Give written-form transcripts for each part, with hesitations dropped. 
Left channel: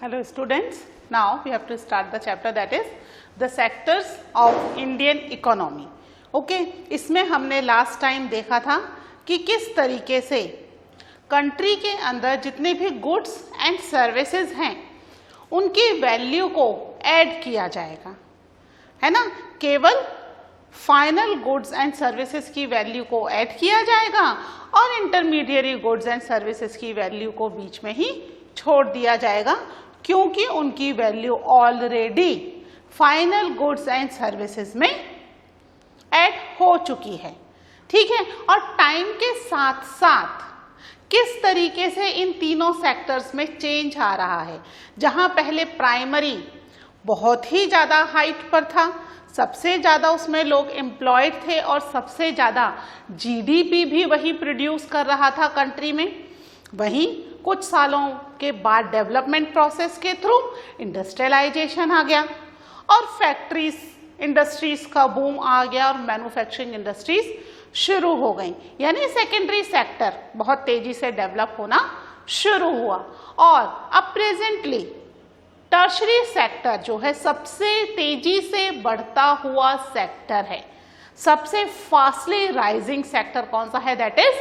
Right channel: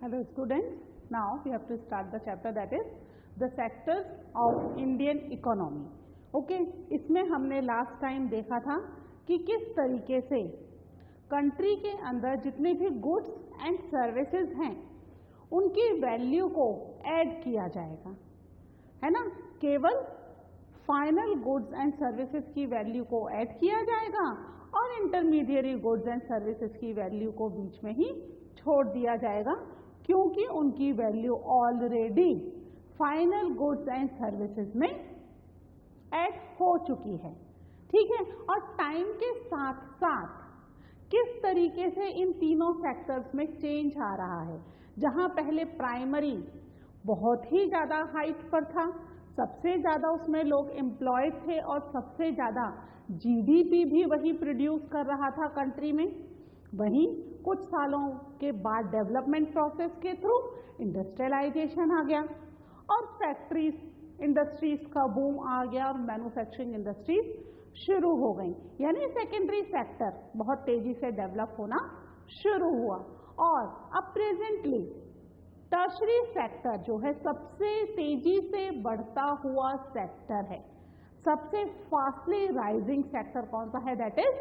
Hello students, now we have to start the chapter that is the sectors of Indian economy. Okay, इसमें हमने last time देखा था कि किस तरीके से कंट्री के अंदर जितने भी गुड्स एंड सर्विसेज हैं उनकी वैल्यू को ऐड किया जाएगा, है ना। केवल फाइनल गुड्स एंड सर्विसेज की वैल्यू को ऐड किया जाएगा और इंटरमीडिएरी गुड्स एंड सर्विसेज की वैल्यू को बीच में ही छोड़ दिया जाएगा, क्योंकि उनकी value already final goods and services में ऐड हो चुकी है। ठीक है, और टाइम के साथ साथ किस तरीके से इन तीनों सेक्टर्स में चेंज आ रहा है। जहां पहले प्राइमरी बहुत ही ज़्यादा हाइट पर था, सबसे ज़्यादा उसमें लोग एम्प्लॉयड थे और सबसे ज़्यादा जीडीपी भी वही प्रोड्यूस कर रहा था कंट्री में, वहीं कुछ सालों के बाद डेवलपमेंट प्रोसेस के थ्रू इंडस्ट्रियलाइजेशन आ गया और फैक्ट्रीज इंडस्ट्रीज का बूम आ गया और मैन्युफैक्चरिंग इंडस्ट्रीज शुरू हो गई, यानी सेकेंडरी सेक्टर बहुत तेजी से डेवलप होना शुरू हुआ। और अब प्रेजेंटली टर्शरी सेक्टर जो है सबसे तेजी से बढ़ता हुआ सेक्टर है, सबसे फास्टली राइजिंग सेक्टर कौन सा है, दैट इज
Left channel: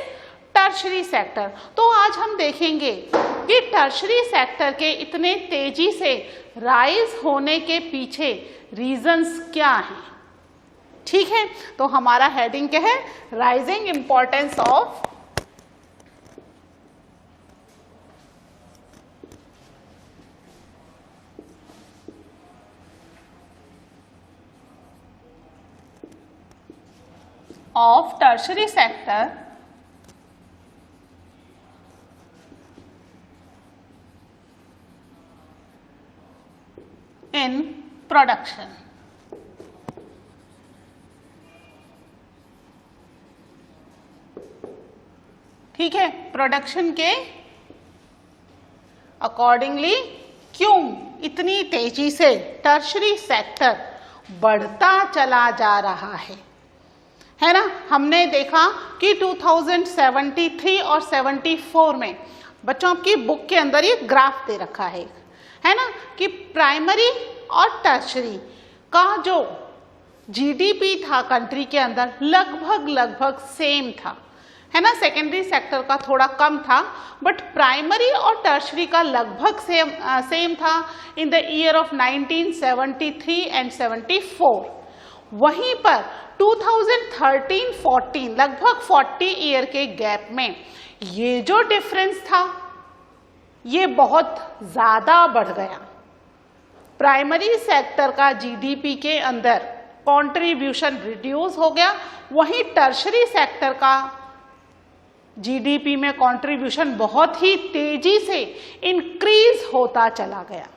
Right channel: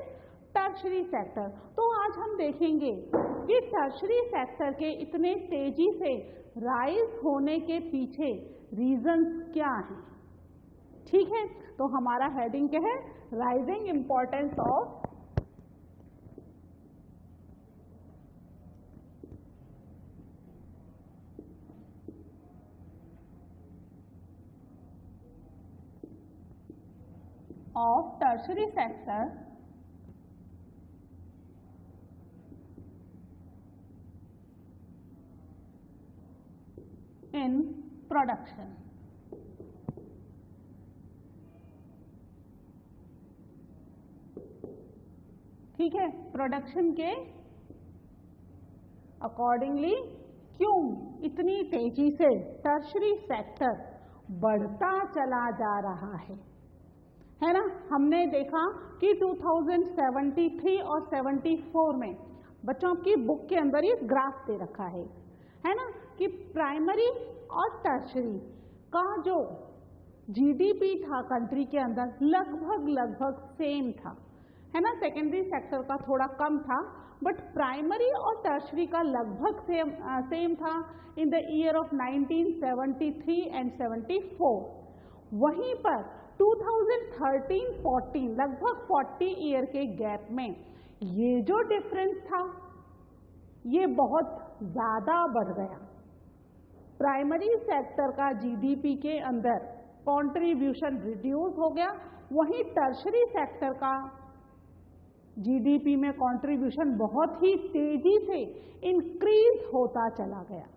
टर्शरी सेक्टर। तो आज हम देखेंगे कि टर्शरी सेक्टर के इतने तेजी से राइज होने के पीछे रीजंस क्या हैं। ठीक है, तो हमारा हेडिंग क्या है, rising importance of tertiary sector in production. ठीक है, प्रोडक्शन के अकॉर्डिंगली क्यों इतनी तेजी से टर्शरी सेक्टर बढ़ता चला जा रहा है ना। हमने देखा कि 2073 और 74 में बच्चों आपकी बुक के अंदर ये ग्राफ दे रखा है ना, कि प्राइमरी और टर्शरी का जो जीडीपी था कंट्री के अंदर लगभग सेम था, है ना। सेकेंडरी सेक्टर का थोड़ा कम था, बट प्राइमरी और टर्शरी का लगभग सेम था in the year of 1973 and 74। वहीं पर 2013-14 लगभग 40 ईयर के गैप में ये जो डिफरेंस था ये बहुत ज़्यादा बढ़ गया। प्राइमरी सेक्टर का जीडीपी के अंदर कंट्रीब्यूशन रिड्यूस हो गया, वहीं टर्शरी सेक्टर का जीडीपी में कंट्रीब्यूशन बहुत ही तेजी से इंक्रीज होता चला गया,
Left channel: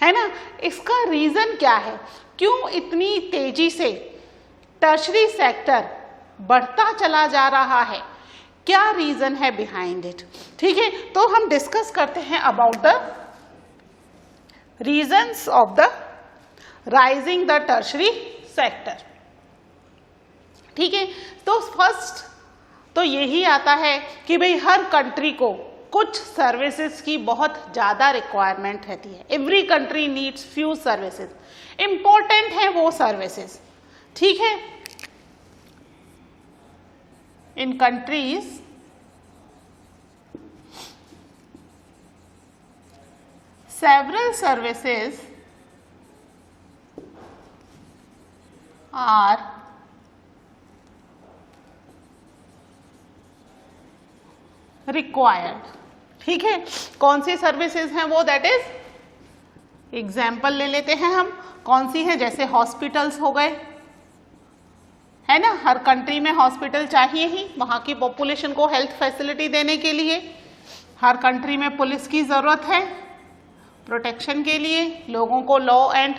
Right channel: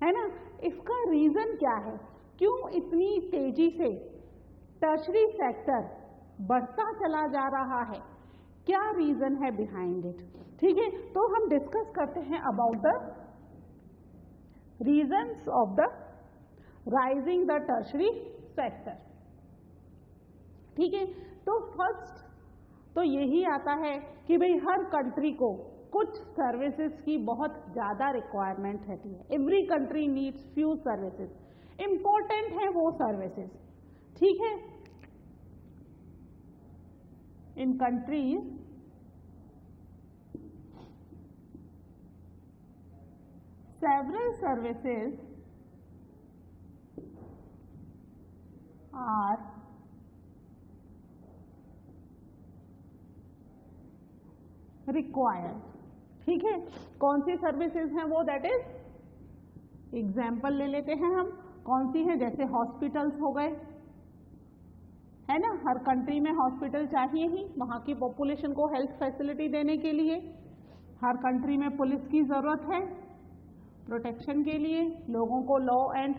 है ना। इसका रीज़न क्या है, क्यों इतनी तेजी से टर्शरी सेक्टर बढ़ता चला जा रहा है, क्या रीज़न है बिहाइंड इट। ठीक है, तो हम डिस्कस करते हैं about the reasons of the rising the tertiary sector. ठीक है, तो फर्स्ट तो यही आता है कि भाई हर कंट्री को कुछ सर्विसेज की बहुत ज़्यादा रिक्वायरमेंट रहती है। Every country needs few services, important है वो सर्विसेज। ठीक है, इन countries several services are required। ठीक है, कौन सी सर्विसेज हैं वो, दैट इज एग्जाम्पल ले लेते हैं हम, कौन सी है, जैसे हॉस्पिटल्स हो गए, है ना। हर कंट्री में हॉस्पिटल चाहिए ही वहाँ की पॉपुलेशन को हेल्थ फैसिलिटी देने के लिए। हर कंट्री में पुलिस की ज़रूरत है प्रोटेक्शन के लिए, लोगों को लॉ एंड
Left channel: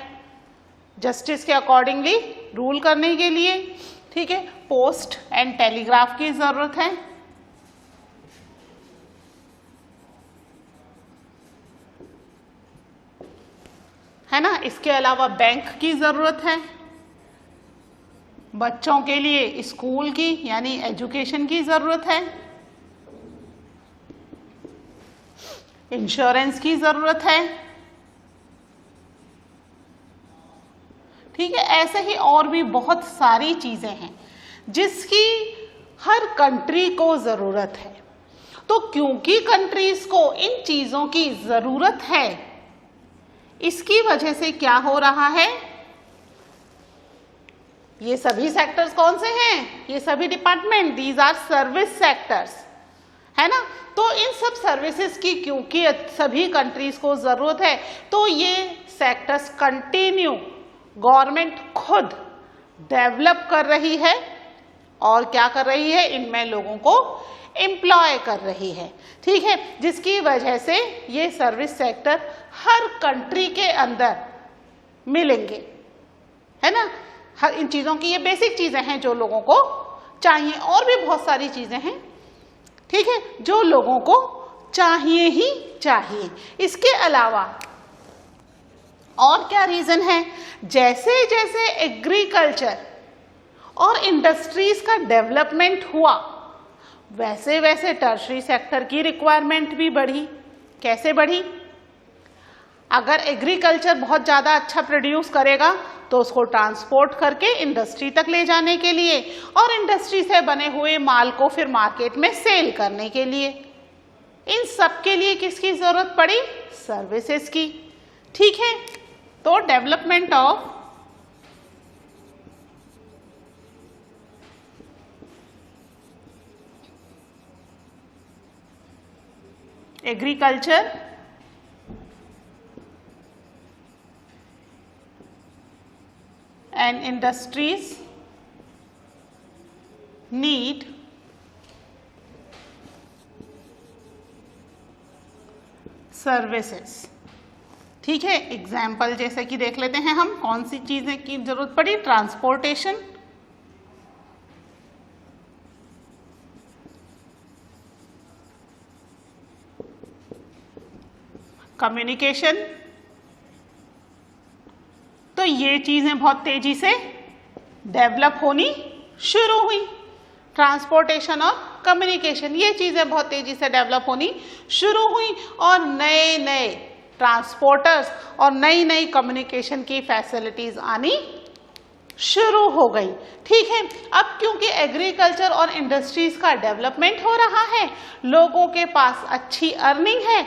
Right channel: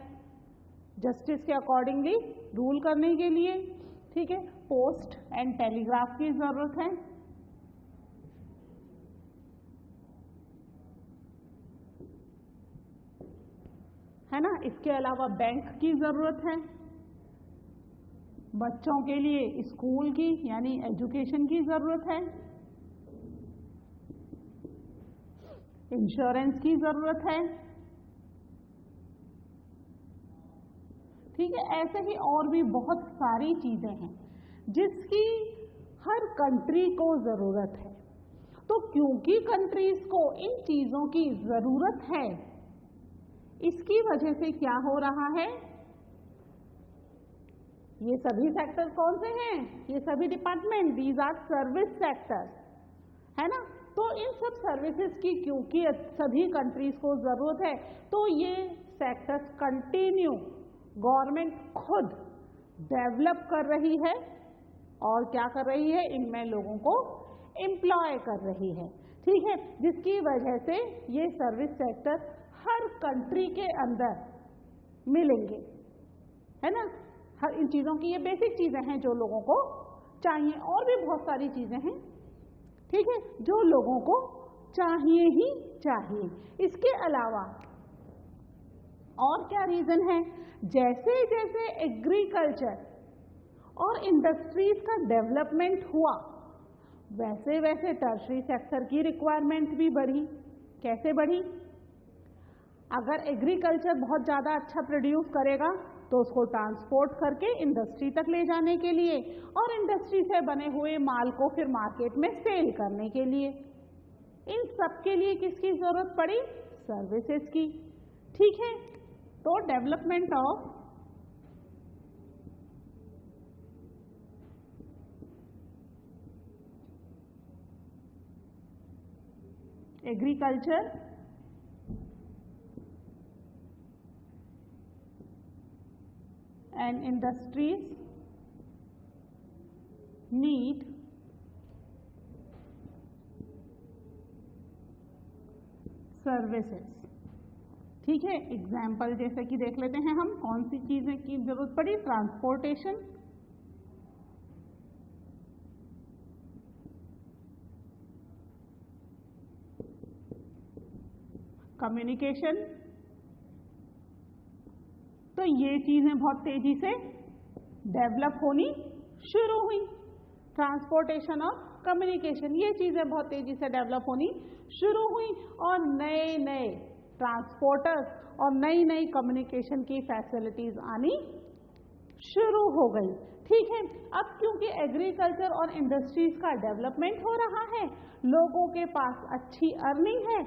जस्टिस के अकॉर्डिंगली रूल करने के लिए। ठीक है, पोस्ट एंड टेलीग्राफ की ज़रूरत है ना। इसके अलावा बैंक की ज़रूरत है, बच्चों के लिए स्कूल की यानी एजुकेशन की ज़रूरत है। इंश्योरेंस की ज़रूरत है, ठीक है। ऐसे ही और भी बहुत सारी चीज़ें हैं जिसकी हर कंट्री को ज़रूरत है। तो क्योंकि कंट्रीज को इन चीज़ों की ज़रूरत है, इसकी वजह से क्या हो रहा है, ये सभी सेक्टर्स कौन से हैं, ये सभी department, these are service sectors, है ना। तो इन सब सर्विसेज की क्योंकि सभी कंट्रीज को ज़रूरत है, तो ये सेक्टर्स कंटिन्यू गवर्नमेंट खुद डेवलप कर रही है और क्या कर रही है, इनमें लोगों को एम्प्लॉय कर रही है, ठीक है। जिसकी वजह से ये सर्विस सेक्टर हर कंट्री के अंदर मिलेंगे, है ना। हर इन चीज़ों की ये बेसिक चीज़ें हैं जो लोगों को चाहिए, और भी बहुत सारी चीज़ें हैं, ठीक है, जो लोगों को चाहिए ही चाहिए। इसके अलावा और क्या रीज़न है, जैसे जैसे एग्रीकल्चर और इंडस्ट्रीज का डेवलपमेंट हुआ, वैसे वैसे टर्शरी सेक्टर की रिक्वायरमेंट भी बढ़ी। कैसे बढ़ी, अगर एग्रीकल्चर बहुत ज़्यादा अच्छा प्रोड्यूस करेगा तो उसको ट्रांसपोर्ट करके इंडस्ट्री तक ले जाने के लिए, और इंडस्ट्री से बने हुए माल को फिर मार्केट में सेल करने के लिए, इन सब के लिए किसकी ज़रूरत पड़ी, सर्विसेज की, ठीक है। तो development of agriculture and industries need services, ठीक है। एग्जाम्पल जैसे कि देख लेते हैं हम, कौन सी चीज़ें की जरूरत पड़ी, ट्रांसपोर्टेशन, कम्युनिकेशन, तो ये चीज़ें बहुत तेज़ी से डेवलप होनी शुरू हुई। ट्रांसपोर्टेशन और कम्युनिकेशन, ये चीज़ें बहुत तेज़ी से डेवलप होनी शुरू हुई, और नए नए ट्रांसपोर्टर्स और नई नई कम्युनिकेशन की फैसिलिटीज़ आनी शुरू हो गई, ठीक है। अब क्योंकि एग्रीकल्चर और इंडस्ट्रीज़ का डेवलपमेंट हो रहा है, लोगों के पास अच्छी अर्निंग है।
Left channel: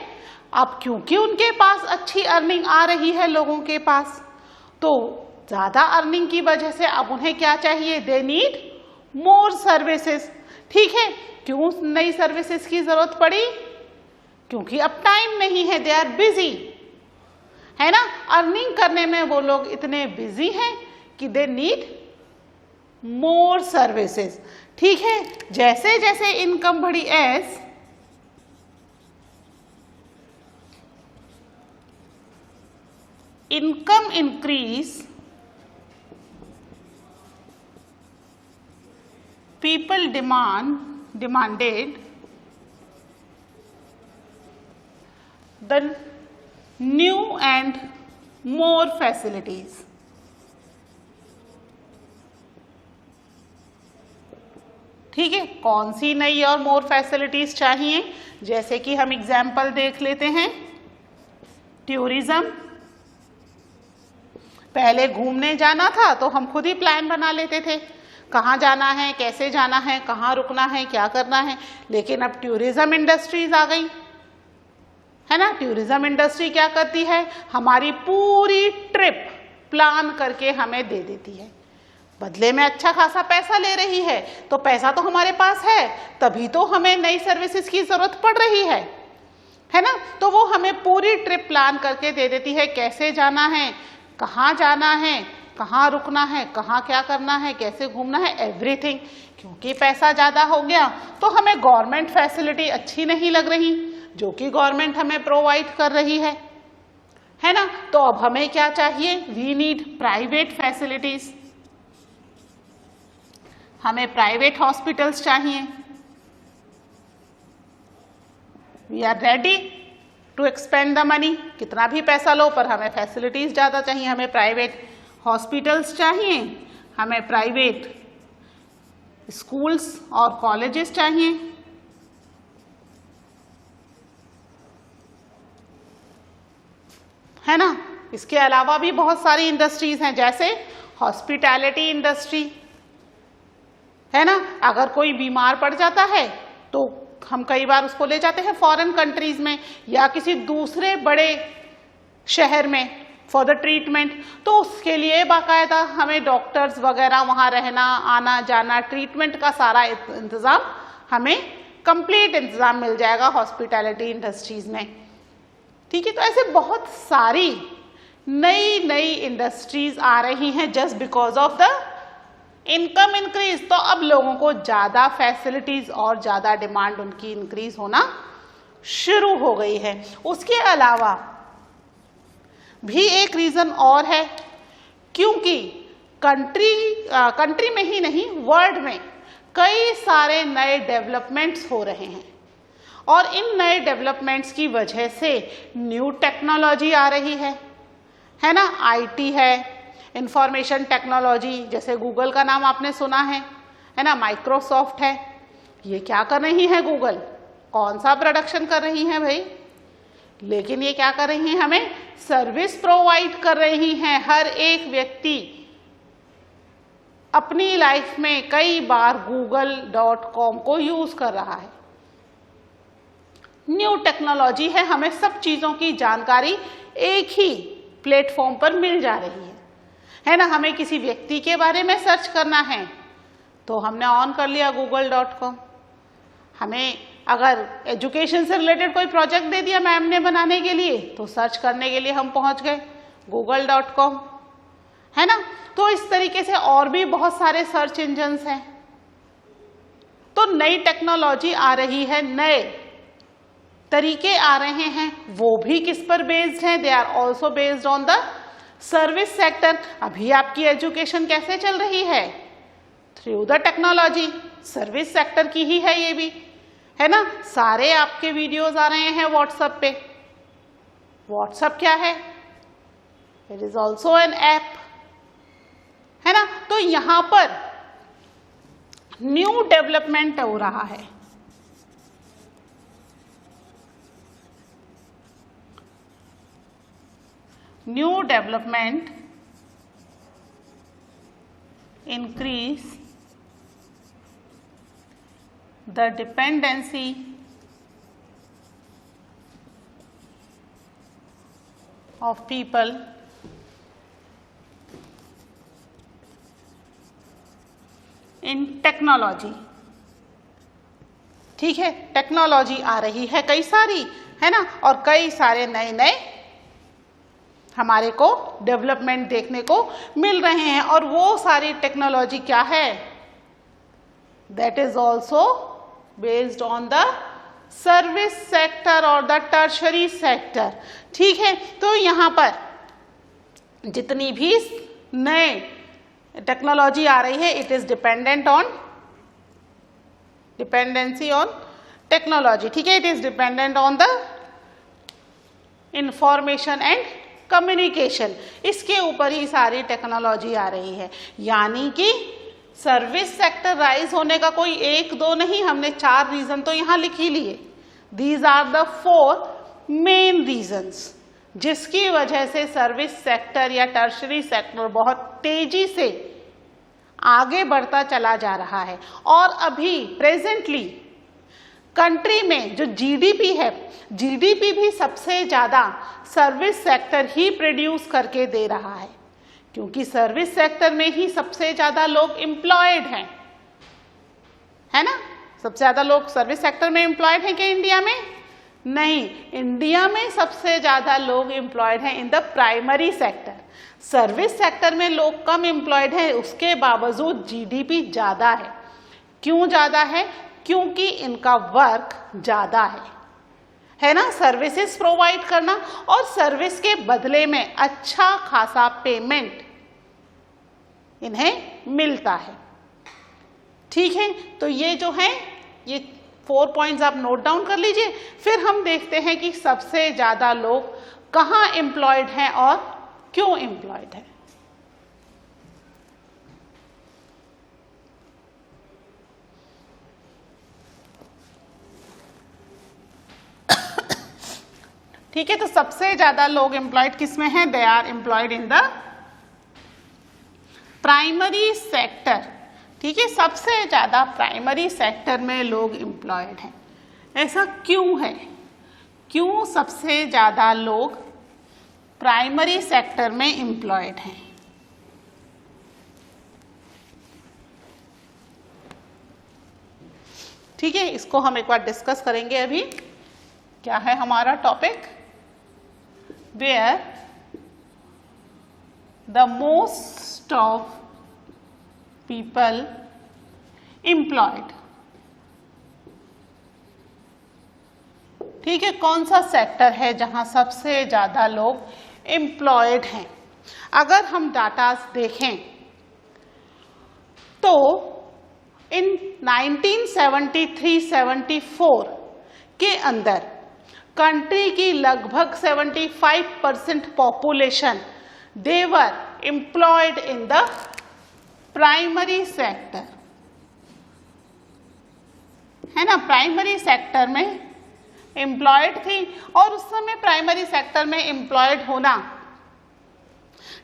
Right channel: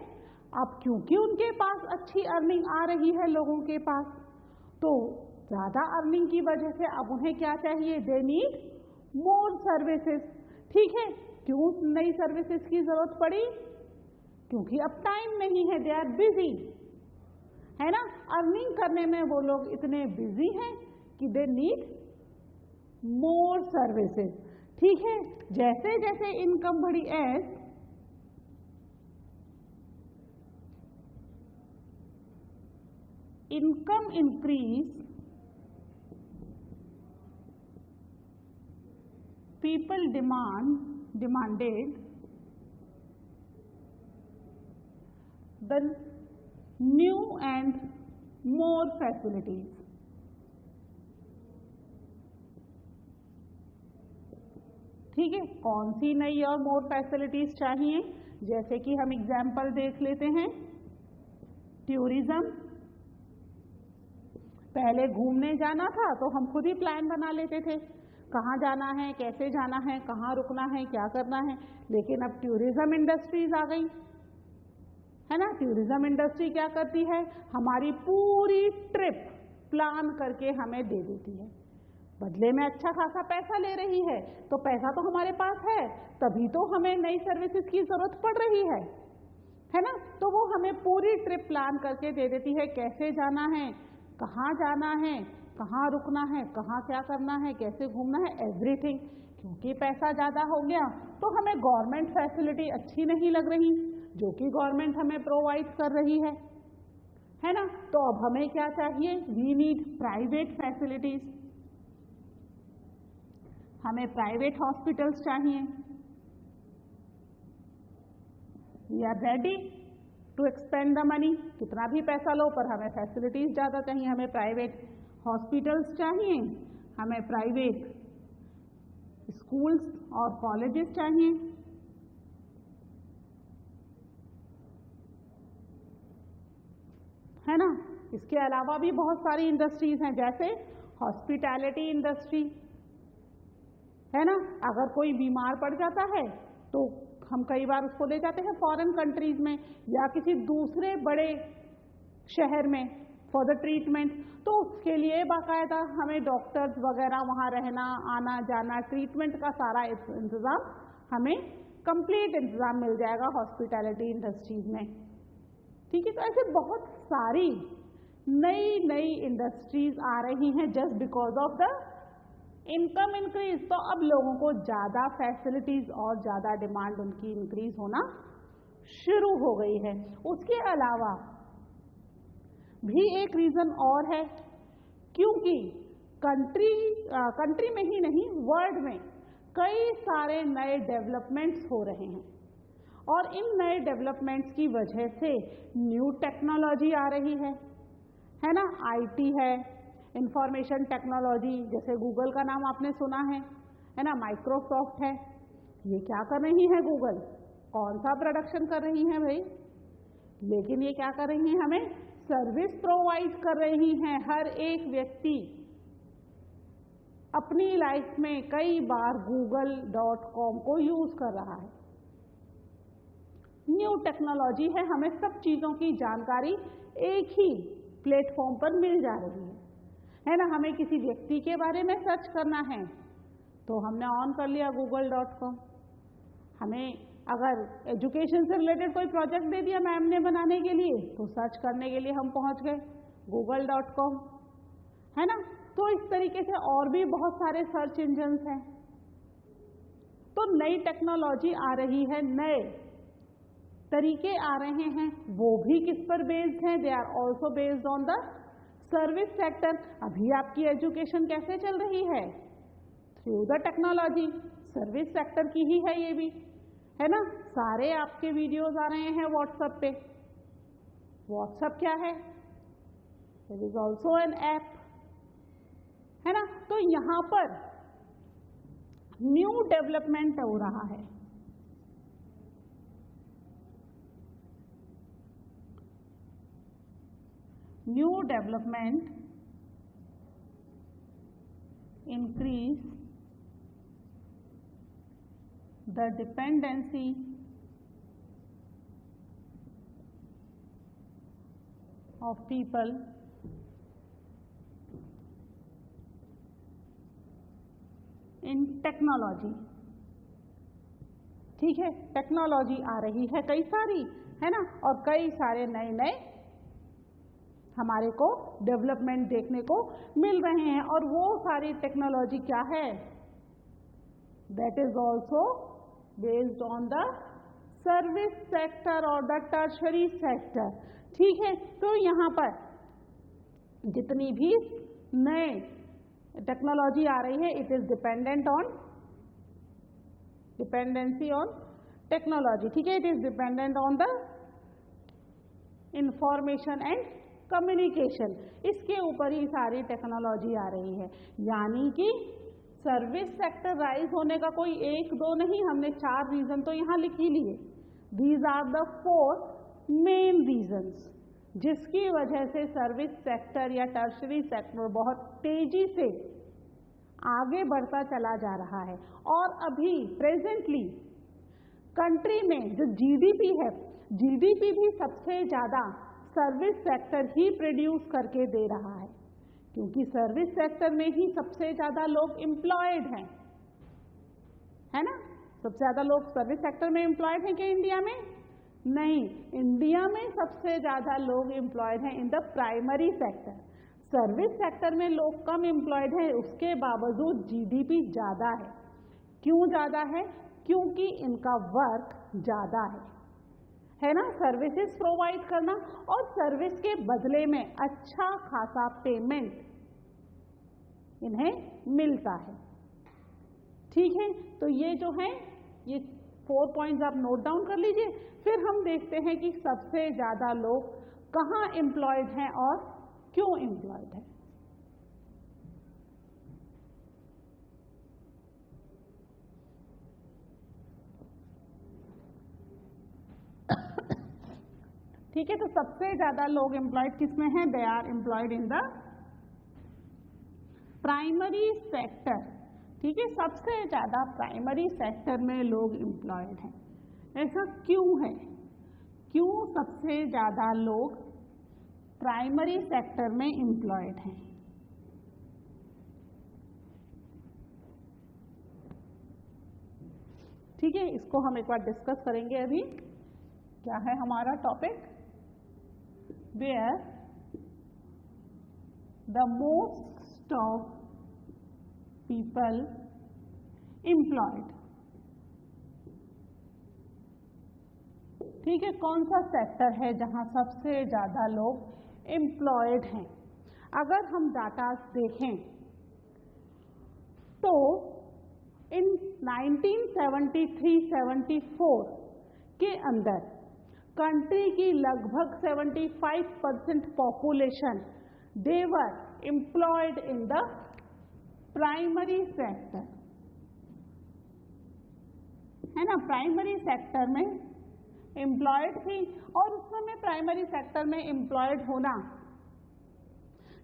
अब क्योंकि उनके पास अच्छी अर्निंग आ रही है लोगों के पास, तो ज़्यादा अर्निंग की वजह से अब उन्हें क्या चाहिए, दे नीड मोर सर्विसेज, ठीक है। क्यों नई सर्विसेज की ज़रूरत पड़ी, क्योंकि अब टाइम नहीं है, दे आर बिजी, है ना। अर्निंग करने में वो लोग इतने बिजी हैं कि दे नीड मोर सर्विसेज, ठीक है। जैसे जैसे इनकम बढ़ी, as income increase, people demanded the new and more facilities, ठीक है। कौन सी नई और मोर फैसिलिटीज चाहिए, जैसे कि हम एग्जाम्पल देख लेते हैं, टूरिज्म। पहले घूमने जाना था तो हम खुद ही प्लान बना लेते थे, कहाँ जाना है, कैसे जाना है, कहाँ रुकना है, क्या करना है। लेकिन अब टूरिज्म इंडस्ट्रीज आ गई, है ना। टूरिज्म इंडस्ट्री क्या करती है, हमारी पूरी ट्रिप प्लान करके हमें दे देती है, बदले में अच्छा खासा पैसा ले रही है। तो पैसा तो हमारे पास है, तभी तो हमें नई सर्विसेज की ज़रूरत पड़ रही है ना। तो वो हमें पूरी ट्रिप प्लान करके दे देती है, कैसे जाना है, कहाँ जाना है, कहाँ रुकना है, कहाँ क्या करना है, कैसे घूमना है, एवरीथिंग। क्योंकि पैसा ज़्यादा हो गया तो हमें गवर्नमेंट फैसिलिटी अच्छी नहीं लग रही, जो कि गवर्नमेंट हमें प्रोवाइड कर रही है ना। तो अब हमें क्या चाहिए, वी नीड प्राइवेट फैसिलिटीज, हमें प्राइवेट हॉस्पिटल्स चाहिए। We are ready to expend the money, कितना भी पैसा लो पर हमें फैसिलिटीज़ ज़्यादा चाहिए, हमें प्राइवेट हॉस्पिटल्स चाहिए, हमें प्राइवेट स्कूल्स और कॉलेजेस चाहिए, है ना। इसके अलावा भी बहुत सारी इंडस्ट्रीज हैं, जैसे हॉस्पिटैलिटी इंडस्ट्री, है ना। अगर कोई बीमार पड़ जाता है तो हम कई बार उसको ले जाते हैं फॉरेन कंट्रीज में या किसी दूसरे बड़े शहर में फॉर द ट्रीटमेंट, तो उसके लिए बाकायदा हमें डॉक्टर्स वगैरह वहाँ रहना, आना जाना, ट्रीटमेंट का सारा इंतज़ाम हमें कंप्लीट इंतज़ाम मिल जाएगा हॉस्पिटैलिटी इंडस्ट्रीज़ में। ठीक है, तो ऐसे बहुत सारी नई नई इंडस्ट्रीज़ आ रही हैं just because of the income increase. तो अब लोगों को ज़्यादा फैसिलिटीज़ और ज़्यादा डिमांड उनकी इंक्रीज होना शुरू हो गई है। उसके अलावा भी एक रीज़न और है, क्योंकि कंट्री में ही नहीं वर्ल्ड में कई सारे नए डेवलपमेंट्स हो रहे हैं और इन नए डेवलपमेंट्स की वजह से न्यू टेक्नोलॉजी आ रही है ना। आईटी है, इंफॉर्मेशन टेक्नोलॉजी, जैसे गूगल का नाम आपने सुना है ना, माइक्रोसॉफ्ट है। ये क्या कर रही है गूगल, कौन सा प्रोडक्शन कर रही हैं भाई, लेकिन ये क्या कर रही हैं, हमें सर्विस प्रोवाइड कर रही हैं। हर एक व्यक्ति अपनी लाइफ में कई बार google.com को यूज कर रहा है। न्यू टेक्नोलॉजी है, हमें सब चीजों की जानकारी एक ही प्लेटफॉर्म पर मिल जा रही है ना। हमें किसी व्यक्ति के बारे में सर्च करना है तो हमने ऑन कर लिया google.com। हमें अगर एजुकेशन से रिलेटेड कोई प्रोजेक्ट दे दिया मैम ने बनाने के लिए तो सर्च करने के लिए हम पहुंच गए google.com, है ना। तो इस तरीके से और भी बहुत सारे सर्च इंजन्स हैं। तो नई टेक्नोलॉजी आ रही है, नए तरीके आ रहे हैं, वो भी किस पर बेस्ड हैं, they are also based on the service sector. अभी आपकी एजुकेशन कैसे चल रही है, through the technology, service sector की ही है ये भी, है ना। सारे आपके वीडियोस आ रहे हैं व्हाट्सएप पे। व्हाट्सएप क्या है, it is also an app, है ना। तो यहां पर न्यू डेवलपमेंट हो रहा है। New development increase the dependency of people in technology। ठीक है, टेक्नोलॉजी आ रही है कई सारी, है ना, और कई सारे नए नए हमारे को डेवलपमेंट देखने को मिल रहे हैं। और वो सारी टेक्नोलॉजी क्या है, that is also based on the service sector और द टर्शरी सेक्टर। ठीक है, तो यहां पर जितनी भी नए टेक्नोलॉजी आ रही है, it is dependency on technology. ठीक है, it is dependent on the information and communication, इसके ऊपर ही सारी टेक्नोलॉजी आ रही है। यानी कि सर्विस सेक्टर राइज होने का कोई एक दो नहीं, हमने 4 रीजन तो यहां लिख ही लिए। These are the 4 main reasons जिसकी वजह से सर्विस सेक्टर या टर्शरी सेक्टर बहुत तेजी से आगे बढ़ता चला जा रहा है। और अभी प्रेजेंटली कंट्री में जो जीडीपी है, जीडीपी भी सबसे ज़्यादा सर्विस सेक्टर ही प्रोड्यूस करके दे रहा है, क्योंकि सर्विस सेक्टर में ही सबसे ज़्यादा लोग एम्प्लॉयड हैं, है ना। सबसे ज़्यादा लोग सर्विस सेक्टर में एम्प्लॉयड हैं क्या इंडिया में? नहीं, इंडिया में सबसे ज़्यादा लोग एम्प्लॉयड हैं इन the primary sector. Service sector में लोग कम एम्प्लॉयड हैं, उसके बावजूद जीडीपी ज़्यादा है। क्यों ज़्यादा है? क्योंकि इनका वर्क ज़्यादा है ना, सर्विसेज प्रोवाइड करना, और सर्विस के बदले में अच्छा खासा पेमेंट इन्हें मिलता है। ठीक है, तो ये जो है ये 4 पॉइंट्स आप नोट डाउन कर लीजिए। फिर हम देखते हैं कि सबसे ज़्यादा लोग कहाँ एम्प्लॉयड हैं और क्यों एम्प्लॉयड हैं। ठीक है, तो सबसे ज्यादा लोग एम्प्लॉयड किस में हैं? They are employed in the primary sector. ठीक है, सबसे ज्यादा प्राइमरी सेक्टर में लोग एम्प्लॉयड हैं। ऐसा क्यों है? क्यों सबसे ज्यादा लोग प्राइमरी सेक्टर में एम्प्लॉयड हैं? ठीक है, इसको हम एक बार डिस्कस करेंगे। अभी क्या है हमारा topic? Where the most of people employed. ठीक है, कौन सा सेक्टर है जहां सबसे ज्यादा लोग एम्प्लॉयड हैं? अगर हम डाटा देखें तो इन 1973-74 के अंदर कंट्री की लगभग 75% population they were employed in the primary sector, है ना। प्राइमरी सेक्टर में एम्प्लॉयड थी और उस समय प्राइमरी सेक्टर में एम्प्लॉयड होना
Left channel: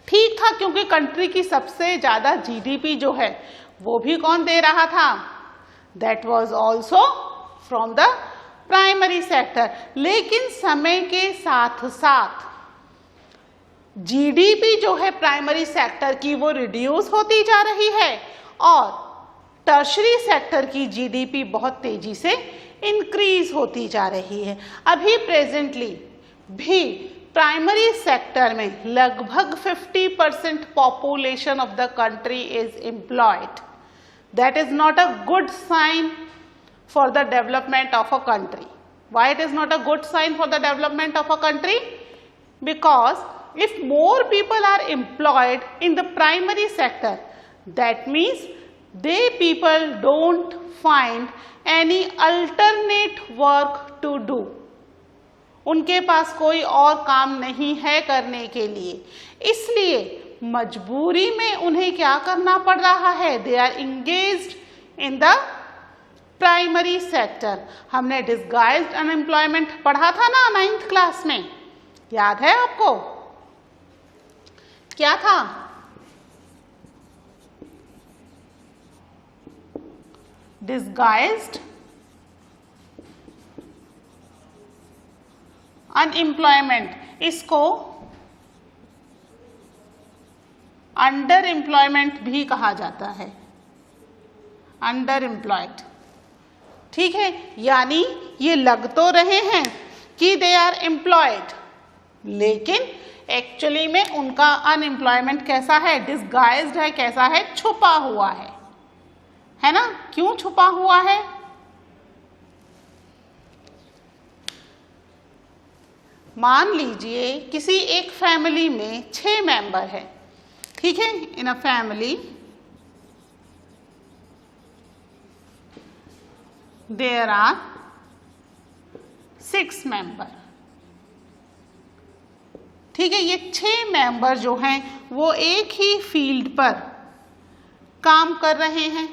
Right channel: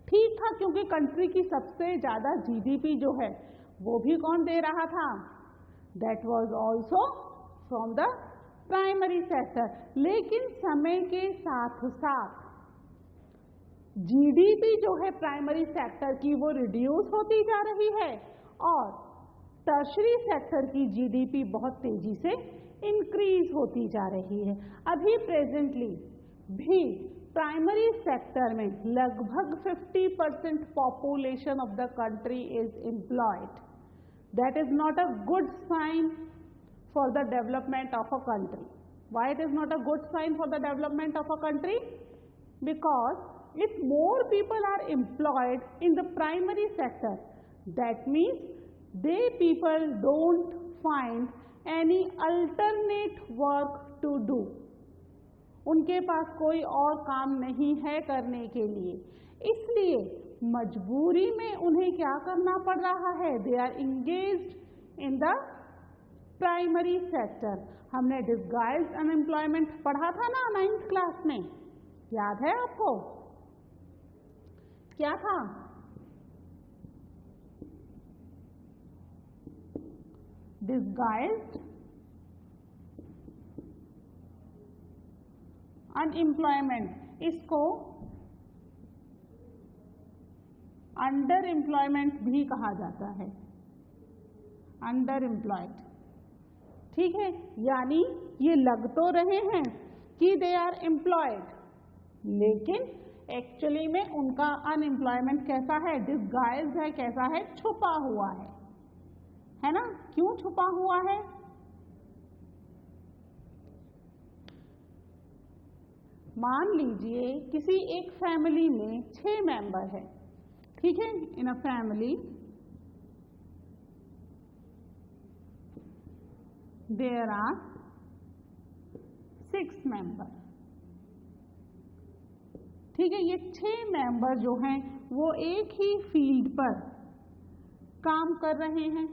ठीक था, क्योंकि कंट्री की सबसे ज्यादा जीडीपी जो है वो भी कौन दे रहा था? That was also from the primary sector. लेकिन समय के साथ साथ जीडीपी जो है प्राइमरी सेक्टर की वो रिड्यूस होती जा रही है और टर्शरी सेक्टर की जीडीपी बहुत तेजी से इंक्रीज होती जा रही है। अभी प्रेजेंटली भी प्राइमरी सेक्टर में लगभग 50% population of the country is employed. That is not a good sign for the development of a country. Why it is not a good sign for the development of a country? Because if more people are employed in the primary sector, that means they people don't find any alternate work to do. उनके पास कोई और काम नहीं है करने के लिए, इसलिए मजबूरी में उन्हें क्या करना पड़ रहा है? They are engaged in the primary sector. हमने डिसगाइज्ड अनएम्प्लॉयमेंट पढ़ा था ना 9th क्लास में, याद है आपको? क्या था? डिसगाइज्ड अनएम्प्लॉयमेंट, इसको अंडर एम्प्लॉयमेंट भी कहा जाता है, अंडर एम्प्लॉयड। ठीक है, यानी ये लग तो रहे हैं कि दे आर एम्प्लॉयड, लेकिन एक्चुअली में उनका अनएम्प्लॉयमेंट कैसा है? डिसगाइज्ड है। कैसा है? छुपा हुआ है ना। क्यों छुपा हुआ है? मान लीजिए किसी एक फैमिली में 6 मेंबर है। ठीक है, in a family there are 6 member. ठीक है, ये 6 मेंबर जो हैं वो एक ही फील्ड पर काम कर रहे हैं।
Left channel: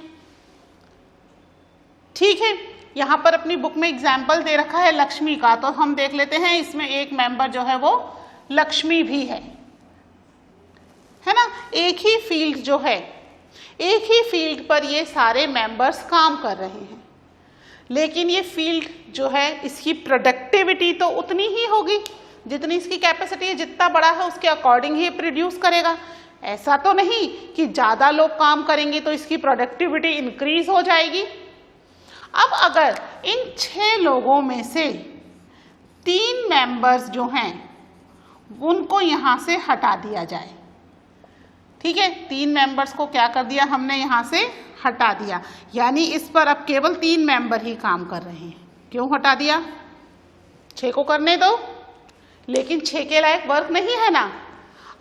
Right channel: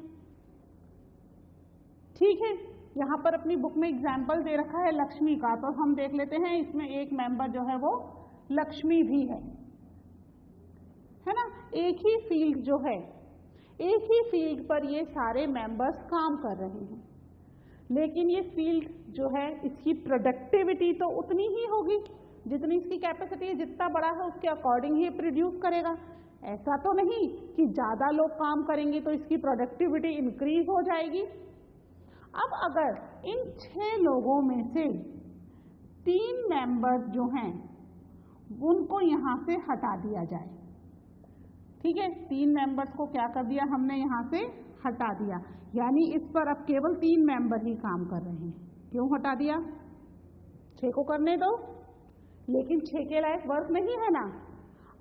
ठीक है, यहाँ पर अपनी बुक में एग्जाम्पल दे रखा है लक्ष्मी का, तो हम देख लेते हैं। इसमें एक मेंबर जो है वो लक्ष्मी भी है ना। एक ही फील्ड जो है, एक ही फील्ड पर ये सारे मेंबर्स काम कर रहे हैं, लेकिन ये फील्ड जो है इसकी प्रोडक्टिविटी तो उतनी ही होगी जितनी इसकी कैपेसिटी है। जितना बड़ा है उसके अकॉर्डिंग ही प्रोड्यूस करेगा। ऐसा तो नहीं कि ज़्यादा लोग काम करेंगे तो इसकी प्रोडक्टिविटी इंक्रीज हो जाएगी। अब अगर इन 6 लोगों में से 3 मेंबर्स जो हैं उनको यहाँ से हटा दिया जाए। ठीक है, 3 मेंबर्स को क्या कर दिया हमने? यहाँ से हटा दिया, यानी इस पर अब केवल 3 मेंबर ही काम कर रहे हैं। क्यों हटा दिया? 6 को करने दो, लेकिन 6 के लायक वर्क नहीं है ना।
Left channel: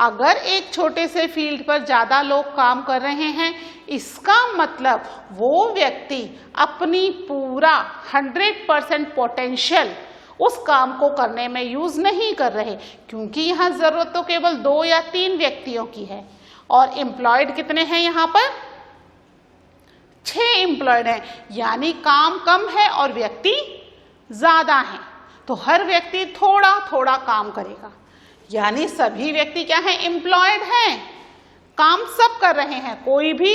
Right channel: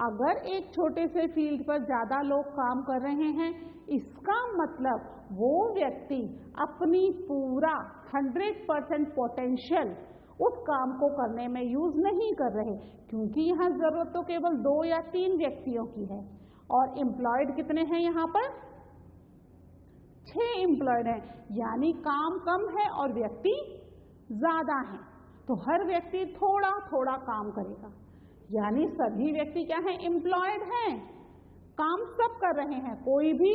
अगर एक छोटे से फील्ड पर ज़्यादा लोग काम कर रहे हैं, इसका मतलब वो व्यक्ति अपनी पूरा 100% पोटेंशियल उस काम को करने में यूज़ नहीं कर रहे, क्योंकि यहाँ ज़रूरत तो केवल 2 या 3 व्यक्तियों की है और एम्प्लॉयड कितने हैं यहाँ पर? 6 एम्प्लॉयड हैं, यानी काम कम है और व्यक्ति ज़्यादा हैं। तो हर व्यक्ति थोड़ा थोड़ा काम करेगा, यानी सभी व्यक्ति क्या है, एम्प्लॉयड हैं, काम सब कर रहे हैं, कोई भी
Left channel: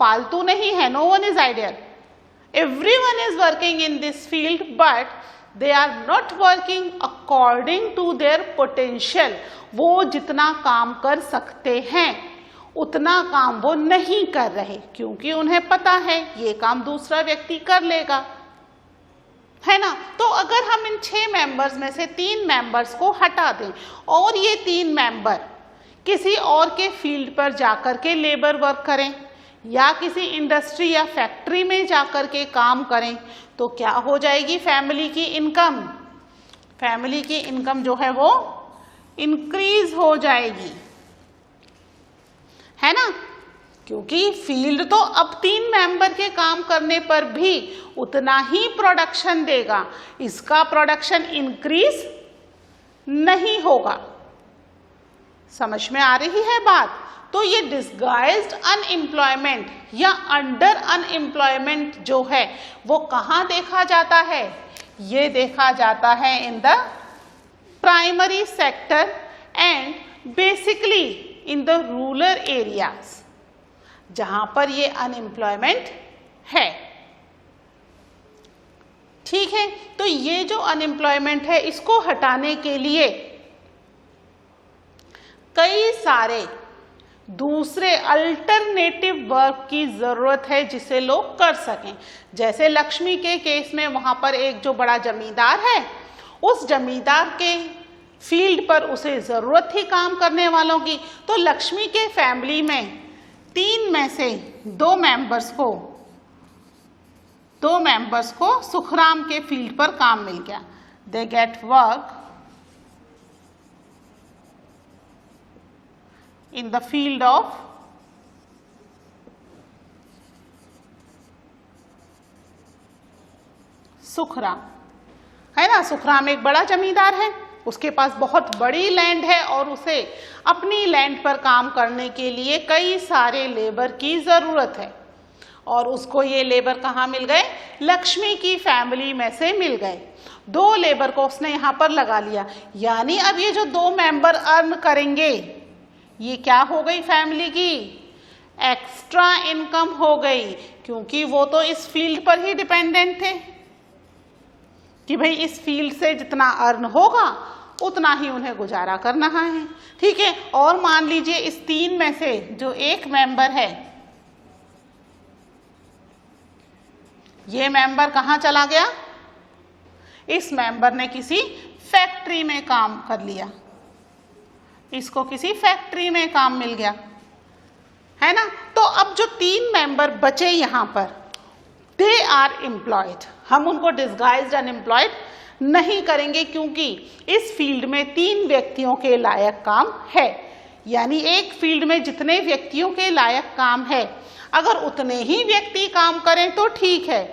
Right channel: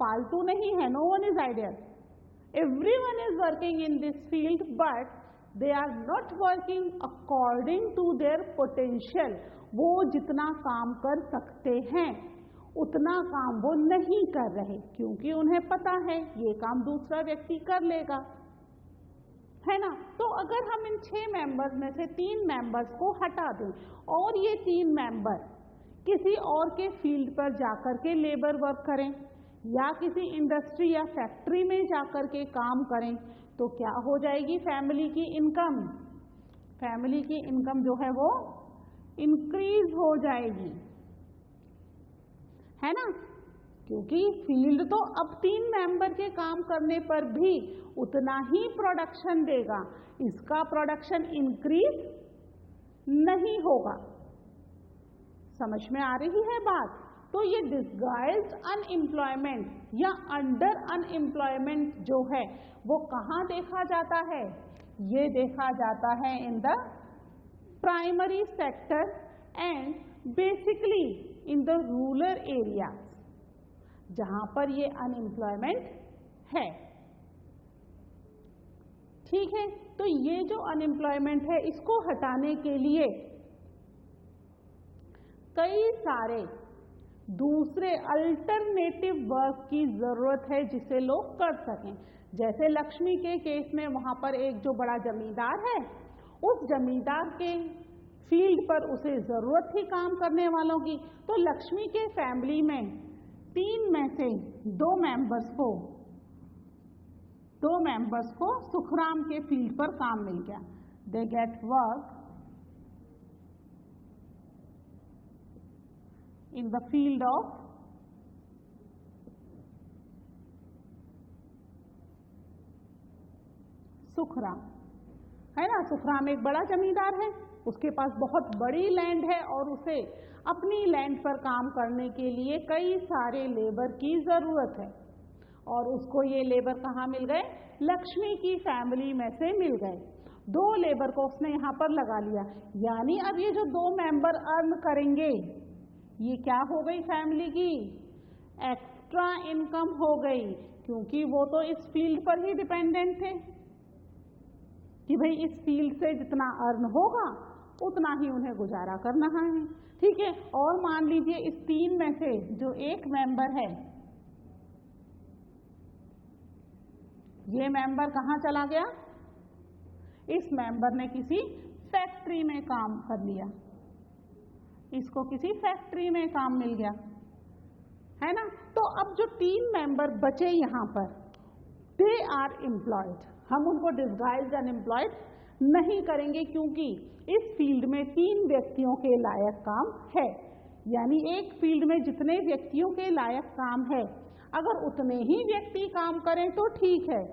फालतू नहीं है, no one is ideal, everyone is working in this field but they are not working according to their potential. वो जितना काम कर सकते हैं उतना काम वो नहीं कर रहे, क्योंकि उन्हें पता है ये काम दूसरा व्यक्ति कर लेगा, है ना। तो अगर हम इन 6 मेंबर्स में से 3 मेंबर्स को हटा दें और ये 3 मेंबर किसी और के फील्ड पर जाकर के लेबर वर्क करें या किसी इंडस्ट्री या फैक्ट्री में जाकर के काम करें, तो क्या हो जाएगी फैमिली की इनकम? फैमिली की इनकम जो है वो इंक्रीज हो जाएगी, है ना, क्योंकि फील्ड तो अब 3 मेंबर के काम करने पर भी उतना ही प्रोडक्शन देगा, इसका प्रोडक्शन इंक्रीज नहीं होगा। समझ में आ रही है बात? तो ये डिस्गाइज्ड अनएम्प्लॉयमेंट या अंडर अनएम्प्लॉयमेंट जो है वो कहाँ देखा जाता है? ये देखा जाता है इन the primary sector and basically in the rural areas, जहाँ पर ये अनएम्प्लॉयमेंट है। ठीक है, तो ये जो अनएम्प्लॉयमेंट है इसको हटाने के लिए कई सारे दूसरे अल्टरनेटिव वर्क की ज़रूरत है जिसे लोग कर सकें। जैसे लक्ष्मी के केस में वहाँ पर एक जो बड़ा जमींदार है, उस जमींदार के फील्ड पर उसे ज़रूरत थी काम करने वालों की, तो लक्ष्मी के फैमिली में 3 में से 2 मेंबर्स को सुखराम के फील्ड पर काम मिल गया। They get work in the field of Sukhram, है ना। सुखराम एक बड़ा जमींदार है, उसके पास बहुत बड़ी लैंड है और उसे अपनी लैंड पर काम करने के लिए कई सारे लेबर की ज़रूरत है, और उसको ये लेबर कहाँ मिल गए? लक्ष्मी की फैमिली में से मिल गए। 2 लेबर को उसने यहाँ पर लगा लिया, यानी अब ये जो 2 मेंबर अर्न करेंगे, ये क्या हो गई? फैमिली की एक्स्ट्रा इनकम हो गई, क्योंकि वो तो इस फील्ड पर ही डिपेंडेंट थे कि भाई इस फील्ड से जितना अर्न होगा उतना ही उन्हें गुजारा करना है। ठीक है, और मान लीजिए इस 3 में से जो एक मेंबर है, ये मेंबर कहाँ चला गया? इस मेंबर ने किसी फैक्ट्री में काम कर लिया, इसको किसी फैक्ट्री में काम मिल गया, है ना। तो अब जो 3 मेंबर बचे यहाँ पर, दे आर एम्प्लॉयड, हम उनको डिस्गाइज्ड अनएम्प्लॉयड नहीं करेंगे, क्योंकि इस फील्ड में 3 व्यक्तियों के लायक काम है। यानी एक फील्ड में जितने व्यक्तियों के लायक काम है, अगर उतने ही व्यक्ति काम करें तो ठीक है,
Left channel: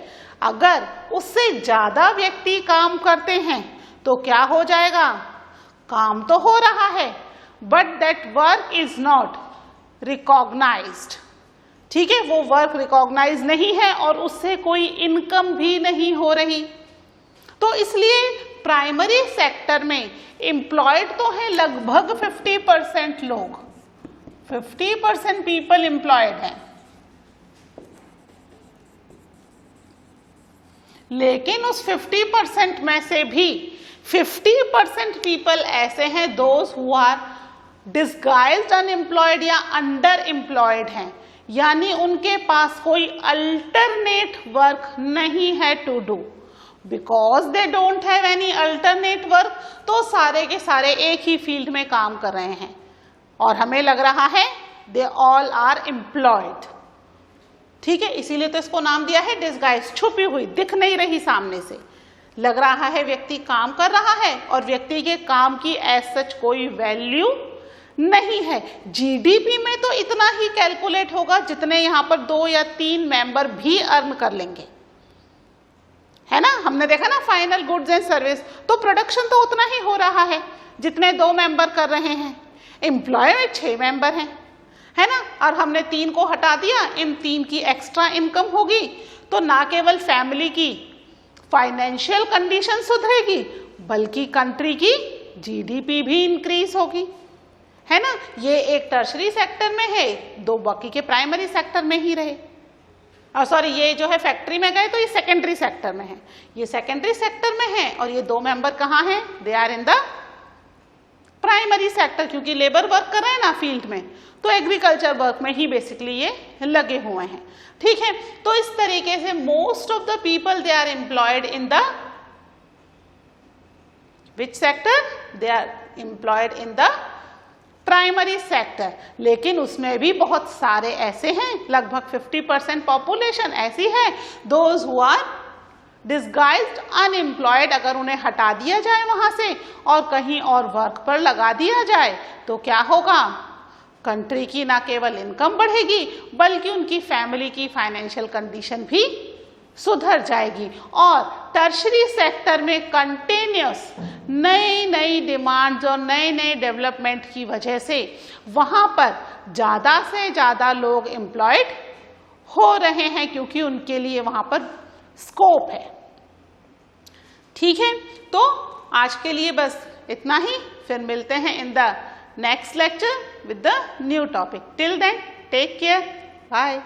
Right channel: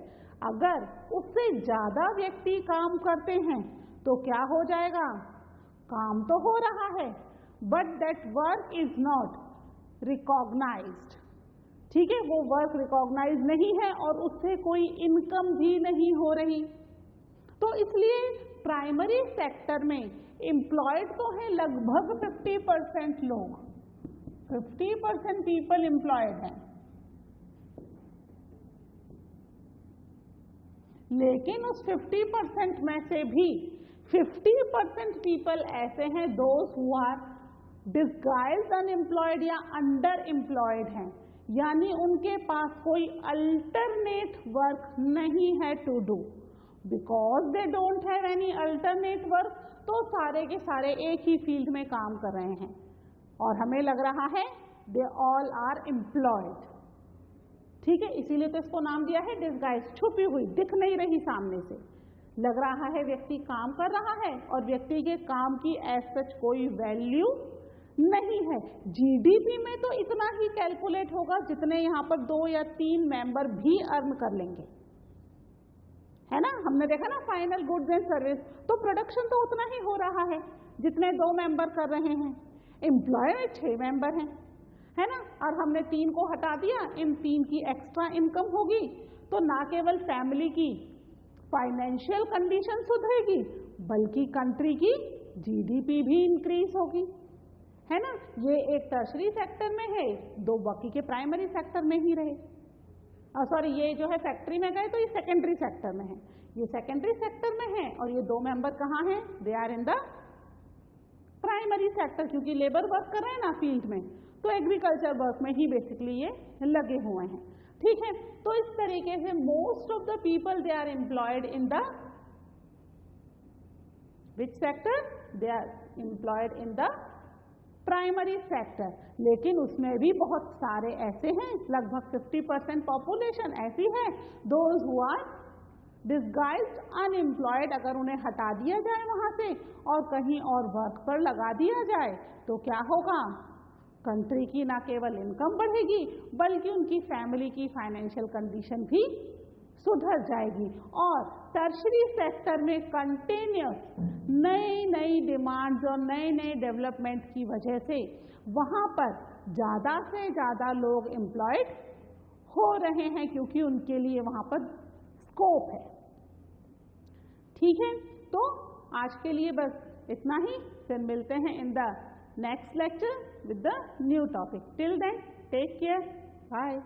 अगर उससे ज़्यादा व्यक्ति काम करते हैं तो क्या हो जाएगा? काम तो हो रहा है but that work is not recognised. ठीक है, वो वर्क रिकॉग्नाइज नहीं है और उससे कोई इनकम भी नहीं हो रही। तो इसलिए प्राइमरी सेक्टर में एम्प्लॉयड तो है लगभग 50% लोग, 50% पीपल एम्प्लॉयड हैं, लेकिन उस 50% में से भी 50% पीपल ऐसे हैं those who are disguised unemployed या अंडर एम्प्लॉयड हैं, यानी उनके पास कोई अल्टरनेट वर्क नहीं है to do, because they don't have any alternate work. तो सारे के सारे एक ही फील्ड में काम कर रहे हैं और हमें लग रहा है दे ऑल आर एम्प्लॉयड। ठीक है, इसीलिए तो इसको नाम दिया है डिस्गाइज, छुपी हुई, दिख नहीं रही सामने से, लग रहा है व्यक्ति काम कर रहा है और व्यक्ति के काम की एज सच कोई वैल्यू नहीं है। जीडीपी में तो इतना ही कैलकुलेट होगा जितने यहाँ पर 2 या 3 मेंबर भी अर्न कर लेंगे, है ना। हमने देखा ना फाइनल गुड्स एंड सर्विस, तो प्रोडक्शन तो उतना ही हो रहा है जितने 2 मेंबर कर रहे हैं। एम्प्लॉय में 6 मेंबर हैं, है ना, और हमने 3 को हटा दिया, इन 3 की एक्स्ट्रा इनकम होगी, तो ना केवल फैमिली की फाइनेंशियल कंडीशन सुधरेगी बल्कि कंट्री की जीडीपी भी इंक्रीज होगी, है ना। ये एक टर्शरी सेक्टर में है, दो बाकी के प्राइमरी सेक्टर में ही रहे। और सॉरी, ये जो है फैक्ट्री में गए तो ये सेकेंडरी सेक्टर में है, ये सेकेंडरी सेक्टर में है, और ये दो मेंबर कहाँ हैं, they are in the primary sector, क्योंकि लेबर वर्क कर रहे हैं ना फील्ड में, तो एग्रीकल्चर वर्क में ही बेसिकली ये लगे हुए हैं, ठीक है। तो इस तरीके से most of the people they are employed in the which sector, they are employed in the primary sector. लेकिन उसमें भी बहुत सारे ऐसे हैं, लगभग 50% पॉपुलेशन ऐसी है, those who are disguised unemployed. अगर उन्हें हटा दिया जाए वहां से और कहीं और वर्क पर लगा दिया जाए तो क्या होगा, कंट्री की ना केवल इनकम बढ़ेगी बल्कि उनकी फैमिली की फाइनेंशियल कंडीशन भी सुधर जाएगी। और टर्शरी सेक्टर में कंटिन्यूस नई नई डिमांड्स और नए नए डेवलपमेंट की वजह से वहाँ पर ज़्यादा से ज़्यादा लोग एम्प्लॉयड हो रहे हैं, क्योंकि उनके लिए वहाँ पर स्कोप है, ठीक है। तो आज के लिए बस इतना ही, फिर मिलते हैं in the next lecture with the new topic. Till then, take care. Bye.